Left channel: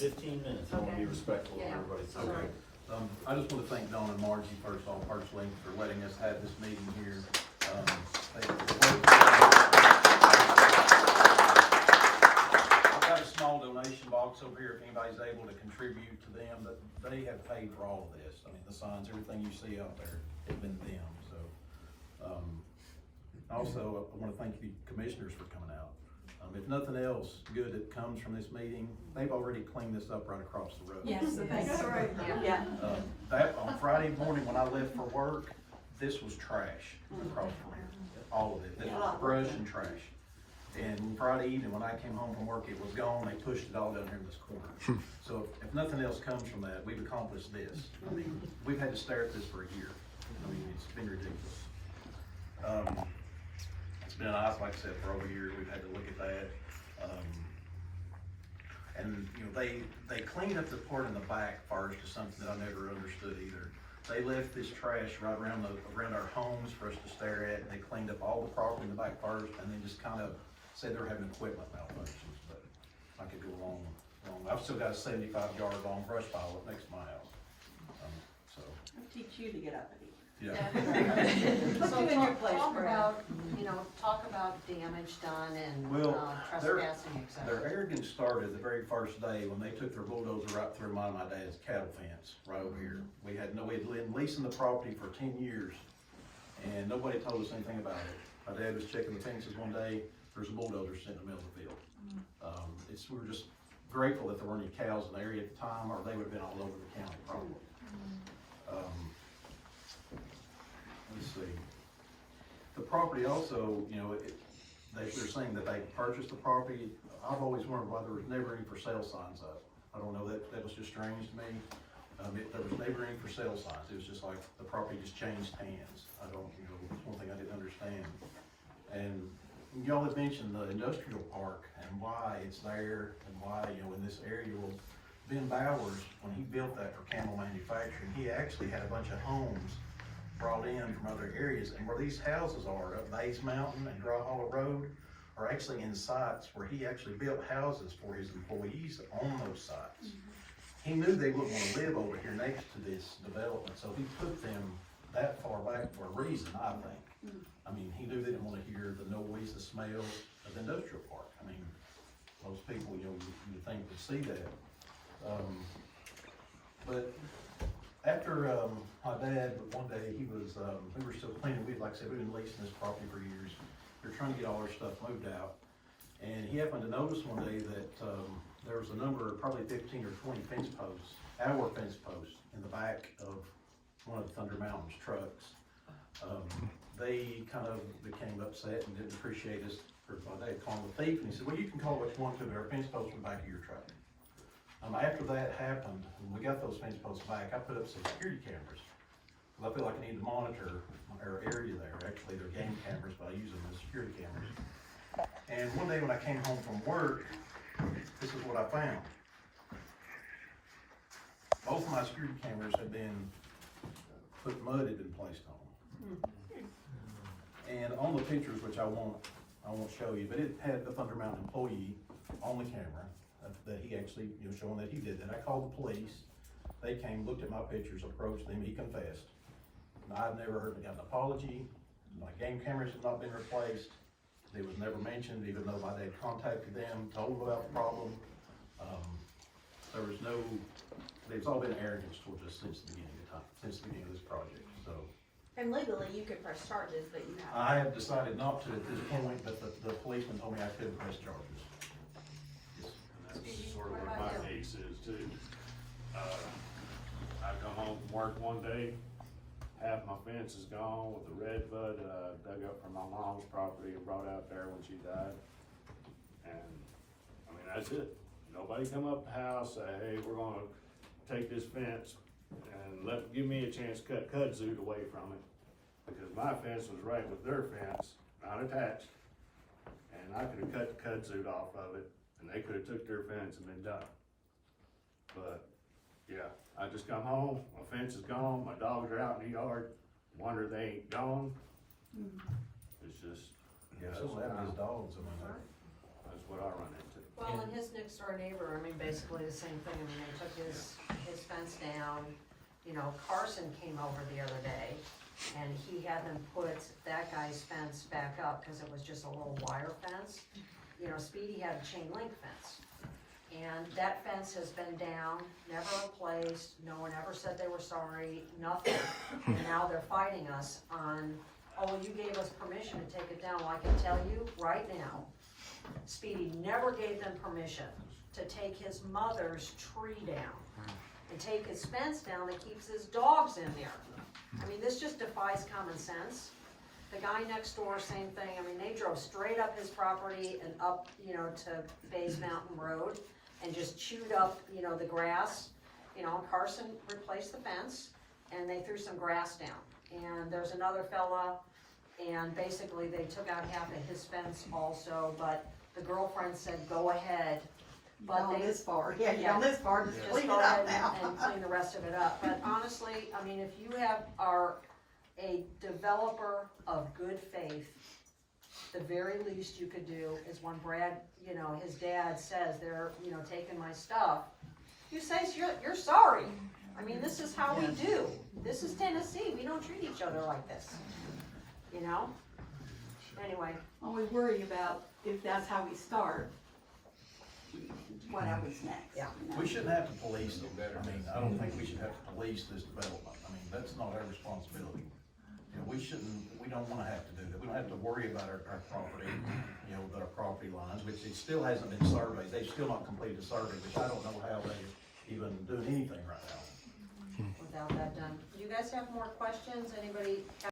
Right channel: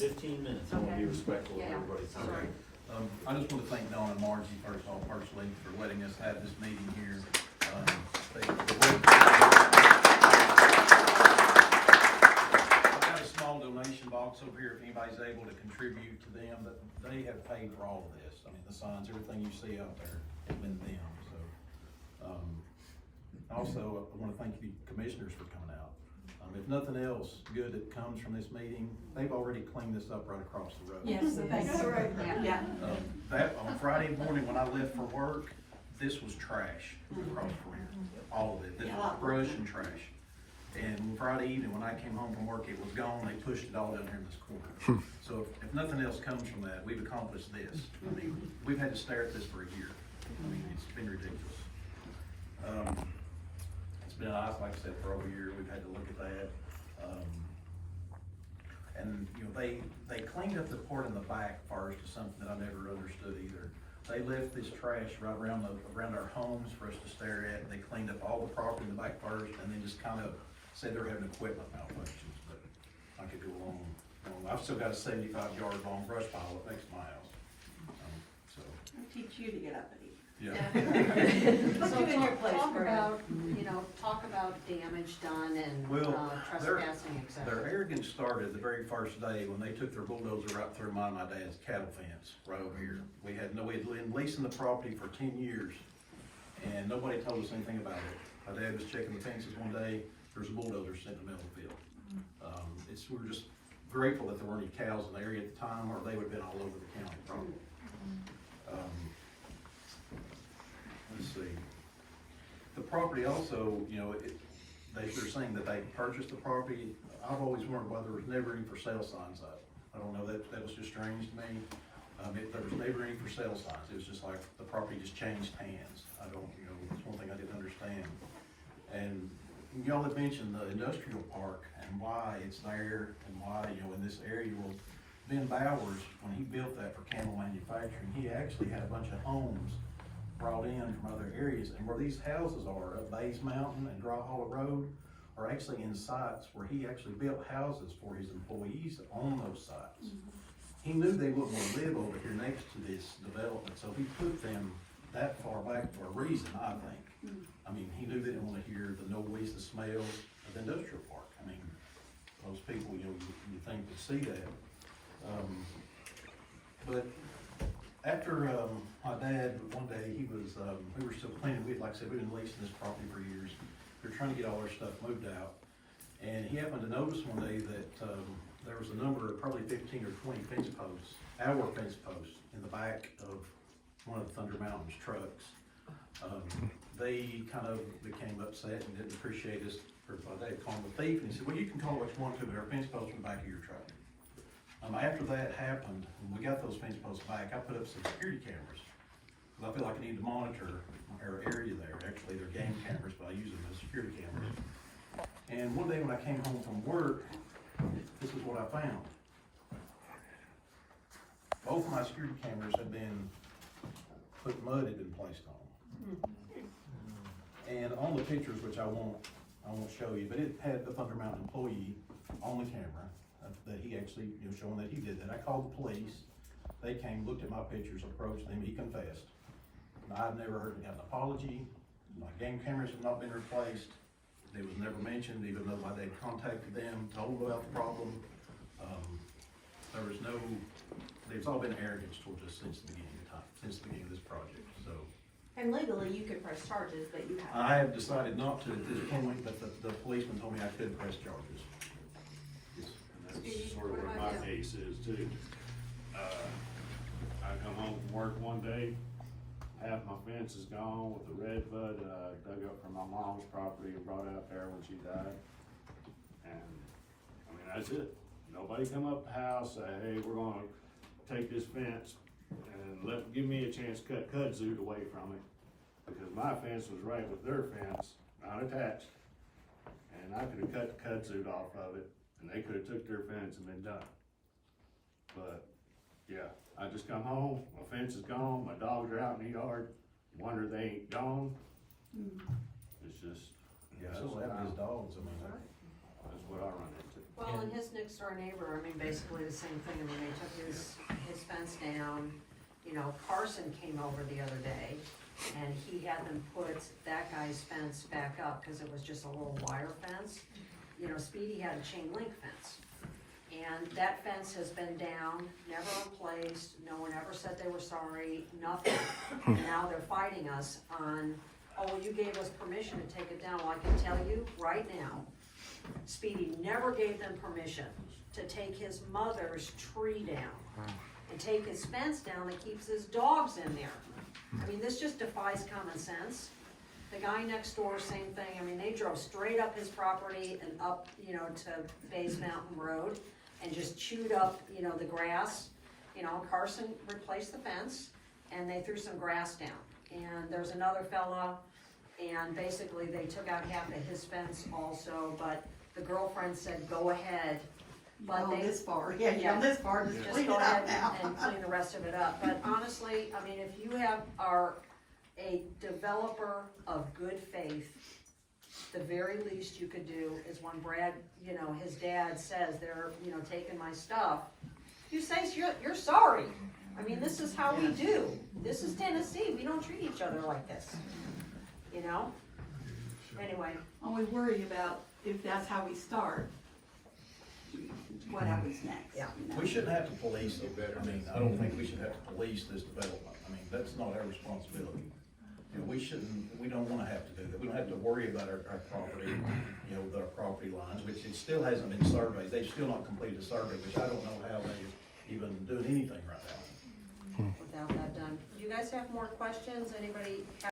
15 minutes, I wanna be respectful of Yeah. everybody's time. Okay. I just want to thank Dawn and Margie first of all personally for letting us have this meeting here. I've got a small donation box over here if anybody's able to contribute to them, but they have paid for all of this. I mean, the signs, everything you see out there, has been them, so. Also, I want to thank you commissioners for coming out. If nothing else good that comes from this meeting, they've already cleaned this up right across the road. Yes, that's right, yeah. That, on Friday morning when I left for work, this was trash across from here, all of it, this was brush and trash. And Friday evening, when I came home from work, it was gone, they pushed it all down here in this corner. So if nothing else comes from that, we've accomplished this. I mean, we've had to stare at this for a year. I mean, it's been ridiculous. It's been nice, like I said, for over a year, we've had to look at that. And, you know, they cleaned up the part in the back first, is something that I never understood either. They left this trash right around our homes for us to stare at, and they cleaned up all the property in the back first, and then just kind of said they're having equipment malfunctions, but I could go along. I've still got a 75-yard long brush pile up next to my house. So, I'll teach you to get up and eat. yeah. Put you in your place, Talk Brad. about, talk about damage done and Well, trespassing, et Their cetera. arrogance started the very first day when they took their bulldozer right through my dad's cattle fence right over here. We had been leasing the property for 10 years, and nobody told us anything about it. My dad was checking the fences one day, there was a bulldozer sitting in the middle of the field. We were just grateful that there weren't any cows in the area at the time, or they would have been all over the county probably. Let's see. The property also, they were saying that they purchased the property. I've always wondered why there was never any for sale signs up. I don't know, that was just strange to me. There was never any for sale signs. It was just like the property just changed hands. It's one thing I didn't understand. And y'all had mentioned the industrial park and why it's there and why, in this area. Well, Ben Bowers, when he built that for camel manufacturing, he actually had a bunch of homes brought in from other areas, and where these houses are up Bays Mountain and Dry Hollow Road are actually in sites where he actually built houses for his employees on those sites. He knew they wouldn't want to live over here next to this development, so he put them that far back for a reason, I think. I mean, he knew they didn't want to hear the noise, the smell of industrial park. I mean, most people, you think would see that. But after my dad, one day, we were still cleaning. Like I said, we've been leasing this property for years. We were trying to get all our stuff moved out. And he happened to notice one day that there was a number of probably 15 or 20 fence posts, our fence posts, in the back of one of the Thunder Mountain's trucks. They kind of became upset and didn't appreciate us for my dad calling the thief. And he said, well, you can call what you want to, but our fence posts in the back of your truck. After that happened, when we got those fence posts back, I put up some security cameras. Because I feel like I need to monitor our area there. Actually, they're game cameras, but I use them as security cameras. And one day when I came home from work, this is what I found. Both of my security cameras had been mud had been placed on them. And on the pictures, which I won't show you, but it had the Thunder Mountain employee on the camera that he actually, showing that he did that. I called the police. They came, looked at my pictures, approached them. He confessed. I've never heard of an apology. My game cameras have not been replaced. It was never mentioned, even though my dad contacted them, told them about the problem. It's all been arrogance towards us since the beginning of time, since the beginning of this project. So. And legally, you could press charges, but you have. I have decided not to at this point, but the policeman told me I couldn't press charges. And that's sort of what my case is too. I come home from work one day, half my fence is gone with the red bud that I dug up from my mom's property and brought out there when she died. And, that's it. Nobody come up the house, say, hey, we're gonna take this fence and give me a chance to cut kudzu away from it. Because my fence was right with their fence, not attached. And I could've cut the kudzu off of it, and they could've took their fence and been done. But, yeah, I just come home, my fence is gone, my dogs are out in the yard, wonder they ain't gone. It's just, Yeah, so having his dogs, that's what I run into. Well, and his next door neighbor, I mean, basically the same thing, I mean, they took his fence down. You know, Carson came over the other day, and he had them put that guy's fence back up, cause it was just a little wire fence. You know, Speedy had a chain link fence, and that fence has been down, never replaced, no one ever said they were sorry, nothing. And now they're fighting us on, oh, you gave us permission to take it down, well, I can tell you right now, Speedy never gave them permission to take his mother's tree down and take his fence down that keeps his dogs in there. I mean, this just defies common sense. The guy next door, same thing, I mean, they drove straight up his property and up, you know, to Bays Mountain Road and just chewed up, you know, the grass. You know, Carson replaced the fence and they threw some grass down. And there's another fella, and basically they took out half of his fence also, but the girlfriend said, go ahead. But Gone they this far, yeah, you gone this far, just just clean it go up ahead now. and clean the rest of it up. But honestly, I mean, if you are a developer of good faith, the very least you could do is when Brad, you know, his dad says they're, you know, taking my stuff, you say you're sorry. I mean, this is how we do. This is Tennessee. We don't treat each other like this, you know? Anyway, Always worry about if that's how we start, what happens next. Yeah. you know? We shouldn't have to police it. I mean, I don't think we should have to police this development. I mean, that's not our responsibility. You know, we don't wanna have to do that. We don't have to worry about our property, you know, our property lines, which it still hasn't been surveyed. They've still not completed the survey, which I don't know how they even doing anything right now. without that done. Do you guys have more questions? Anybody have